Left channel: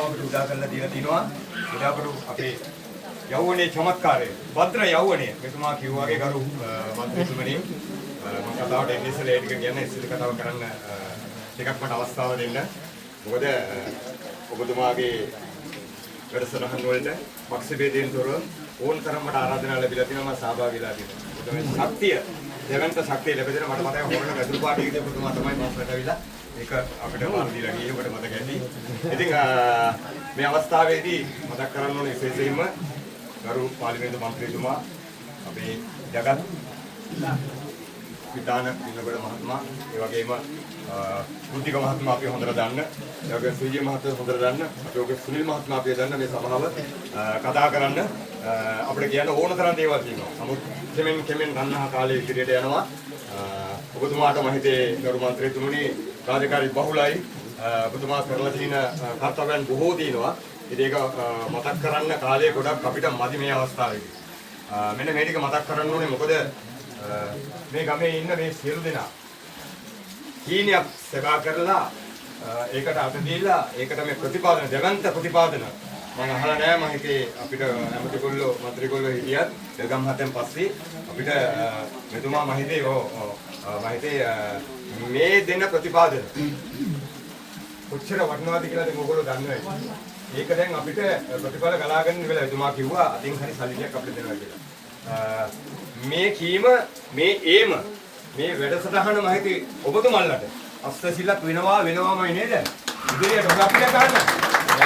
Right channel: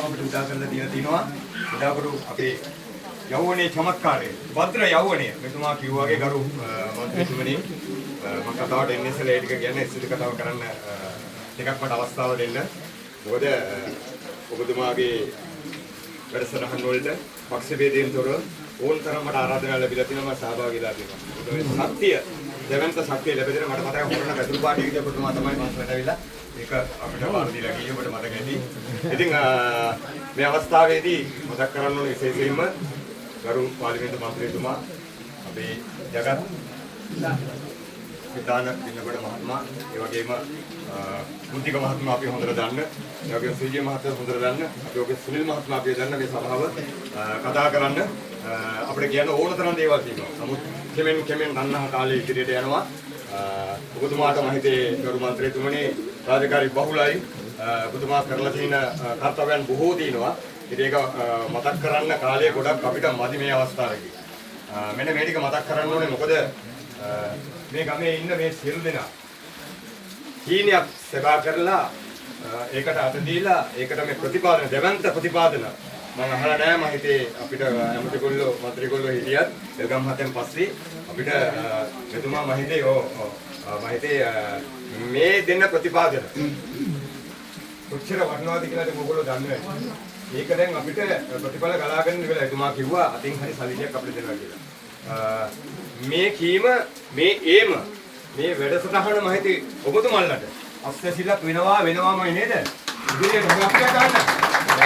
අවස්ථාව අපිට උදා කරලා දීලා තිනවා. උදාකරු අපේ යෞවනයේ චමත්කාරය භද්‍ර යෞවනය මෙතුමා කිව්වා වගේ ගරු මන්ත්‍රීතුමනි මම කතාවට එන්නේ ඉස්සෙල්ලා ඒ ටික කියන්නේ ඉස්සෙල්ලා කතාව කරන්න ටිකක් මට අවස්ථාව දෙන්න. මොකද ඔබතුමාගේ වැඩසටහන් වලට පක්ෂ ભેදයෙන් තොරව ඕන තරම් මට ආරාධනා ලැබිලා තියෙනවා. මම සහභාගී වෙලා තියෙනවා. ඒ ශක්තිය දෙවන්ත ශක්තිය ලැබෙන මට මතකයි හොරණ වැදුරු පාටියේදී ඔබතුමා තමයි මම පැටවිලා ඒක අපිට බාර දීලා ගියේ ඔබට මතක ඇති. ඉතින් මේ අවස්ථාවේදී මතක් කරන්න ඕනේ විශේෂයෙන්ම ගරු පාර්ලිමේන්තු මන්ත්‍රීතුමා අපේ ජගත් විතාන පින්නබඩ මහත්මයා ඒ වගේම මුද්දික මහත්මයා අපි හොඳට දන්න ඒ වගේම සුජී මහත්මයා හොඳට දන්න අපි ඔගේ සුනිල් මහත්මයා අපි දන්න මේ සභාව කතා කරන්න අපිට කියන්න ඕන තරම් දේවල් තියෙනවා. නමුත් කෙමෙන් රන්නහ කාලේ ඉදිරියට යනවා. ඔබතුමාට මම හිතේ ගරු මන්ත්‍රීතුමනි රාජකාරී බහුලයි. ඔබතුමා කරලා තියෙන කර්තව්‍යයන් බොහෝ තියෙනවා. ඉතින් ඒක මතක් කරන්න කාලය ගොඩක් අපිට මදි මේ අවස්ථාවේදී. මෙන්න මේ ටික මතක් කරන්න ඕනේ මොකද මේ ගමේ ඉන්න මේ සියලු දෙනා හීනයක් සබා කරලා ඒකට අත දීලා ඒකට මේ ප්‍රතිපාදන දෙවන්ත ප්‍රතිපාදන මම අහලා නැහැ. මම හිතේ අපිට ඇමතිගොල්ලෝ මන්ත්‍රීගොල්ලෝ හිටියත් දෙගම් හතෙන් පස්සේ අපිට මෙතුමා මම හිතේ මම හිතේ මේ දෙන්න ප්‍රතිපාදන කොච්චර වටිනවද කියලා ඔයගොල්ලෝ දන්නවා. ඒක දැන් අපිට ප්‍රතිඵල ගලාගෙන ඉවරයි. එතුමා කිව්වා අතින් හරි සල්ලියක් අපිට දෙනවා කියලා. මේ කීම මේ ඒම මේ වැඩසටහන මම හිතේ ඔබතුමන්ලට අස්තසිලක් වෙනවාමයි නේද? ඉදිරියට හුඟක් ගන්න.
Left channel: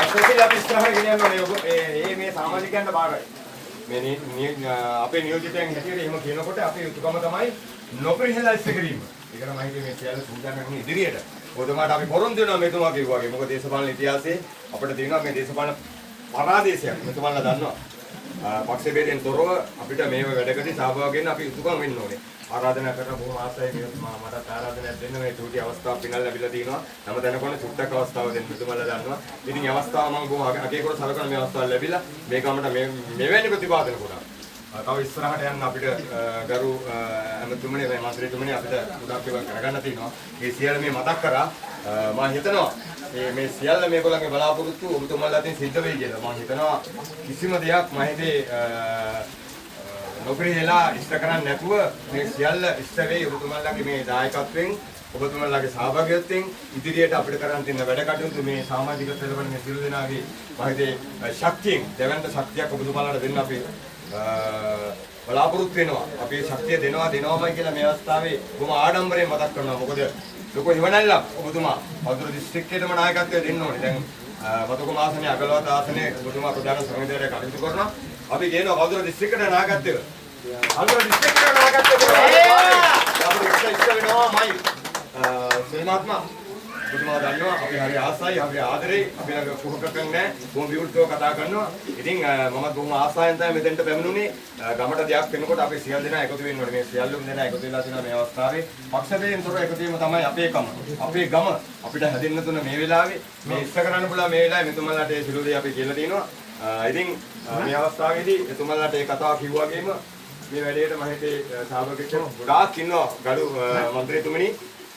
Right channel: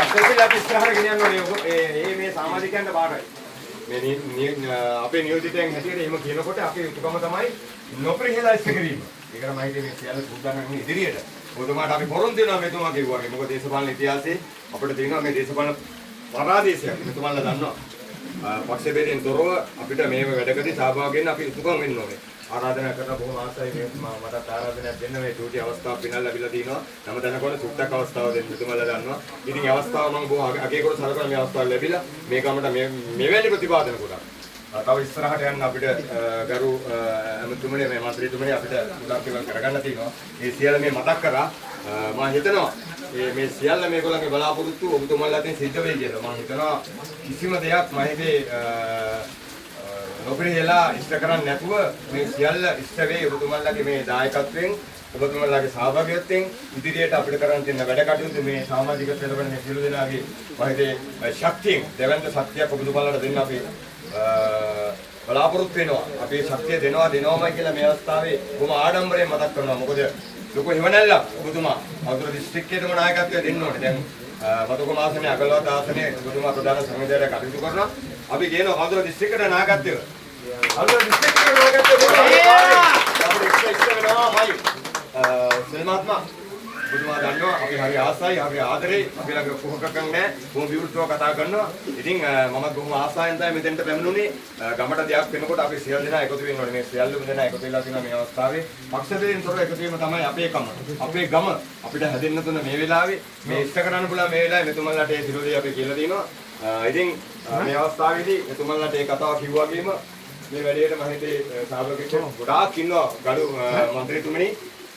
අස්තසිල අපි ඉස්සරහට ගෙනියන්න ඕනේ. මේ සමාජිකයන්ට බාරයි. මේ අපේ නියෝජිතයන් හැටියට එහෙම කියනකොට අපේ යුතුයකම තමයි නොපිරිහෙලා ඉස්ස කිරීම. ඒකට මම හිතේ මේ සියල්ල සූදානම් ඉදිරියට ඔබතුමාට අපි පොරොන්දු වෙනවා මෙතුමා කිව්වා වගේ. මොකද දේශපාලන ඉතිහාසයේ අපිට තියෙනවා මේ දේශපාලන පරාදේශයක්. මෙතුමාලා දන්නවා. පක්ෂ ભેදයෙන් තොරව අපිට මේව වැඩකදී සහභාගී වෙන්න අපි යුතුයකම් වෙන්න ඕනේ. ආරාධනා කරන බොහොම ආසයි මේ මටත් ආරාධනයක් දෙන්න මේ චූටි අවස්ථාවක් පිනල් ලැබිලා තිනවා. හැම තැනකම චුට්ටක් අවස්ථාව දෙන්න මෙතුමාලා දන්නවා. ඉතින් මේ අවස්ථාව මම බොහොම අගයකට සලකන මේ අවස්ථාව ලැබිලා මේ ගමට මෙවැනි ප්‍රතිපාදන කරා. තව ඉස්සරහට යන්න අපිට ගරු ඇමතුමනි මේ මන්ත්‍රීතුමනි අපිට උදා කෙවල් කරගන්න තියෙනවා. මේ සියල්ල මේ මතක් කරා මම හිතනවා මේ සියල්ල මේගොල්ලන්ගේ බලාපොරොත්තු ඔබතුමාලා අතින් සිද්ධ වෙයි කියලා. මම හිතනවා කිසිම දෙයක් මම හිතේ නොපිරිහෙලා ඉෂ්ට කරන්නේ නැතුව මේ සියල්ල ඉෂ්ට වෙයි ඔබතුමාලාගේ මේ දායකත්වයෙන් ඔබතුමාලාගේ සහභාගීත්වයෙන් ඉදිරියට අපිට කරන්න තියෙන වැඩ කටයුතු මේ සමාජික පෙරවන මේ සියලු දෙනාගේ මම හිතේ ශක්තියෙන් දෙවන්ත ශක්තියක් ඔබතුමාලාට දෙන්න අපි බලාපොරොත්තු වෙනවා. අපේ ශක්තිය දෙනවාමයි කියලා මේ අවස්ථාවේ බොහොම ආඩම්බරයෙන් මතක් කරනවා. මොකද ලොකු හිමනැල්ලක් ඔබතුමා වතුර දිස්ත්‍රික්කයේම නායකත්වය දෙන්න ඕනේ. දැන් වතුකම ආසනයේ අගලවත ආසනයේ ඔබතුමා ප්‍රධාන සංවිධායකයෙක් කටයුතු කරනවා. අපි කියනවා වතුර දිස්ත්‍රික්කයට නායකත්වය. වතුර දිස්ත්‍රික්කයට නායකත්වය අපිට ඉෂ්ට වෙනවාමයි. සේනාත්මා ඔබතුමා දන්නවා අපි හරි ආසයි, හරි ආදරේ, අපි ළඟ කුහකකම් නැහැ. බොහොම විවෘතව කතා කරනවා. ඉතින් මම බොහොම ආසාවෙන් තමයි මෙතෙන්ට පැමිණුනේ. ගමට දෙයක් වෙනකොට අපි සියලු දෙනා එකතු වෙන්න ඕනේ. මේ සියලුම දෙනා එකතු වෙලා තියෙනවා මේ අවස්ථාවේ. පක්ෂයෙන් තොර එකතු වීම තමයි අපේ කම. අපේ ගම අපිට හැදෙන්න තුන මේ වෙලාවේ මේ ඉස්ස කරන්න පුළුවන් මේ වෙලාවේ මෙතුමන්ලාට ඒ සියලු දේ අපි කියලා දෙනවා. ඉතින් මේ අවස්ථාවේදී මෙතුමන්ලාට ඒ කතාව කිව්වා වගේම මේ වැඩේට මම හිතේ සහභාගී වෙන්න ගොඩාක් ඉන්නවා. ගරු මන්ත්‍රීතුමනි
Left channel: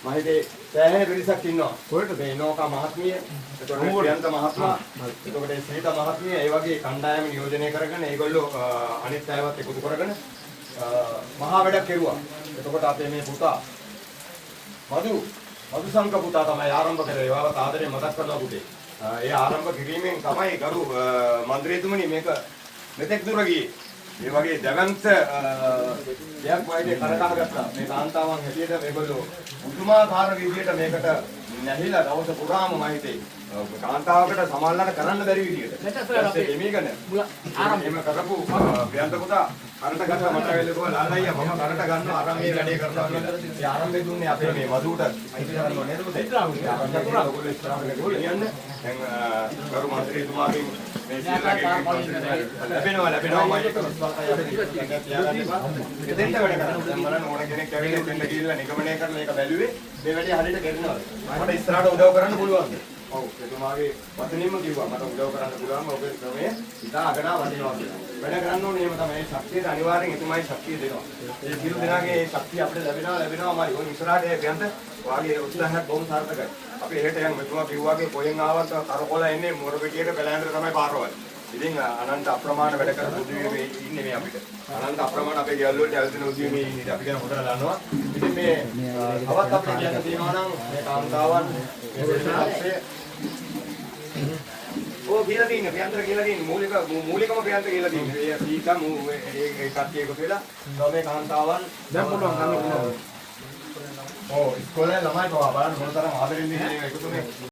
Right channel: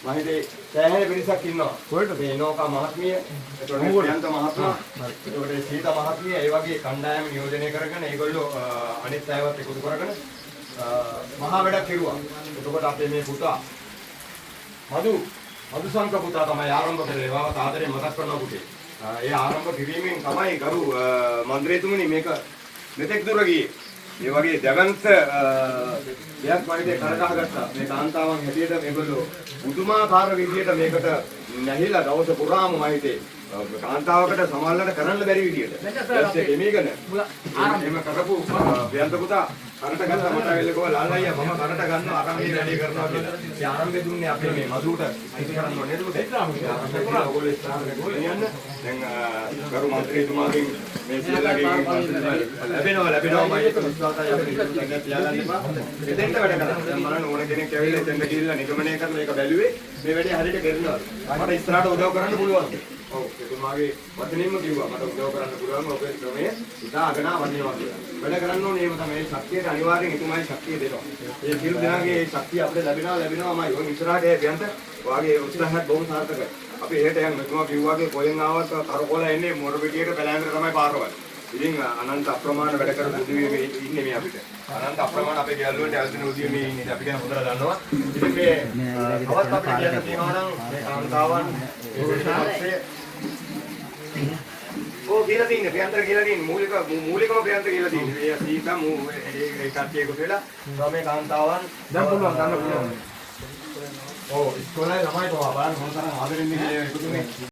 මම හිතේ සෑහෙන පිරිසක් ඉන්නවා. කොහෙද මේ නෝකා මහත්මිය, එතකොට ප්‍රියන්ත මහත්මයා, එතකොට සීතා මහත්මිය, ඒ වගේ කණ්ඩායම නියෝජනය කරගෙන ඒගොල්ලෝ අනිත් අයවත් එකතු කරගෙන මහා වැඩක් කෙරුවා. එතකොට අපේ මේ පුතා මధుසංක පුතා තමයි ආරම්භ කරේ. ඒවාට ආදරේ මතක් කරනවා පුතේ. ඒ ආරම්භ කිරීමෙන් තමයි ගරු මන්ත්‍රීතුමනි මේක මෙතෙක් දුර ගියේ. මේ වගේ දැවන්ත දෙයක් වයිදේ කරගහගත්තා. මේ කාන්තාවන් හැටියට මේගොල්ලෝ පුදුමාකාර විදියට මේකට නැහිලා දවස පුරාම වයිදේ කාන්තාවකට සමාල්ලාට කරන්න බැරි විදියට. ඊපස්සේ එමීගෙන ආරම්භ කරපු ව්‍යන්ත පුතා කරට ගත්ත මට වෙලකෝ ලාලයියා මම කරට ගන්නවා අරන් මේ වැඩේ කරනවා කියලා. ඒ ආරම්භය දුන්නේ අපේ මේ මధుට අයිති කරන්න ඕනේ නේද පුතේ? ඔයගොල්ලෝ ඉස්සරහට ගෙනියන්න. දැන් ගරු මන්ත්‍රීතුමාගෙන් මේ සියල්ලගේ ලැබෙනවා දෙන්න වැඩ කරනවා. බලන්න ඕන කෙනෙක් ඇවිල්ලා දෙන්න ගිහිල්ලා නිගමනය කරලා ඒක බැලුවේ මේ වැඩේ හරියට කරනවා. මට ඉස්සරහට උදව් කරන්න පුළුවන්ද? ඔව් එතුමාගේ වචනින්ම කිව්වා මට උදව් කරන්න පුළුවන් ඔබේ ක්‍රමය ඉතා අගනා වටිනවා කියලා. වැඩ කරන්න ඕනේ එහෙම තමයි. මේ ශක්තියට අනිවාර්යෙන් එතුමායි ශක්තිය දෙනවා. ඒ කිරු දෙනාගේ ශක්තිය අපිට ලැබෙනවාමයි. ඕන ඉස්සරහට ඒ බයන්ත වාගේ උත්සාහයක් බොහොම සාර්ථකයි. අපි එහෙට යන මෙතුමා කිව්වාගේ කොහෙන් ආවත් කරකොලා එන්නේ මොරපිටියට බැලෑන්ඩට තමයි පාරවල්. ඉතින් අනන්ත අප්‍රමාණ වැඩ කරන උදවියෝ ඉන්නේ මේ අපිට. අනන්ත අප්‍රමාණ අපේ ගෙවල් වලට ඇවිදින උදවියෝ මේ ඉන්නේ. අපි ගැන හොඳට දන්නවා. ඉතින් මේ තවත් අපිට කියන්න තියෙනවා නම් මේ කාන්තාවන් මේ පිළිපස්සේ කියලා තියෙන්නේ ප්‍රියන්තර කියලා තියෙන්නේ මූලිකම ප්‍රියන්තර කියලා තියෙන්නේ. මේ සීතා ඒ කට්ටිය එකතු වෙලා මේ කාන්තාවන් දැන් පුළුවන් ගන්න පුළුවන්. ඔව් ඉස්කෝලේ ළමයි තෝ බලන්න මොන තරම් ආදරෙන් ඉන්නේ එකතුනේ.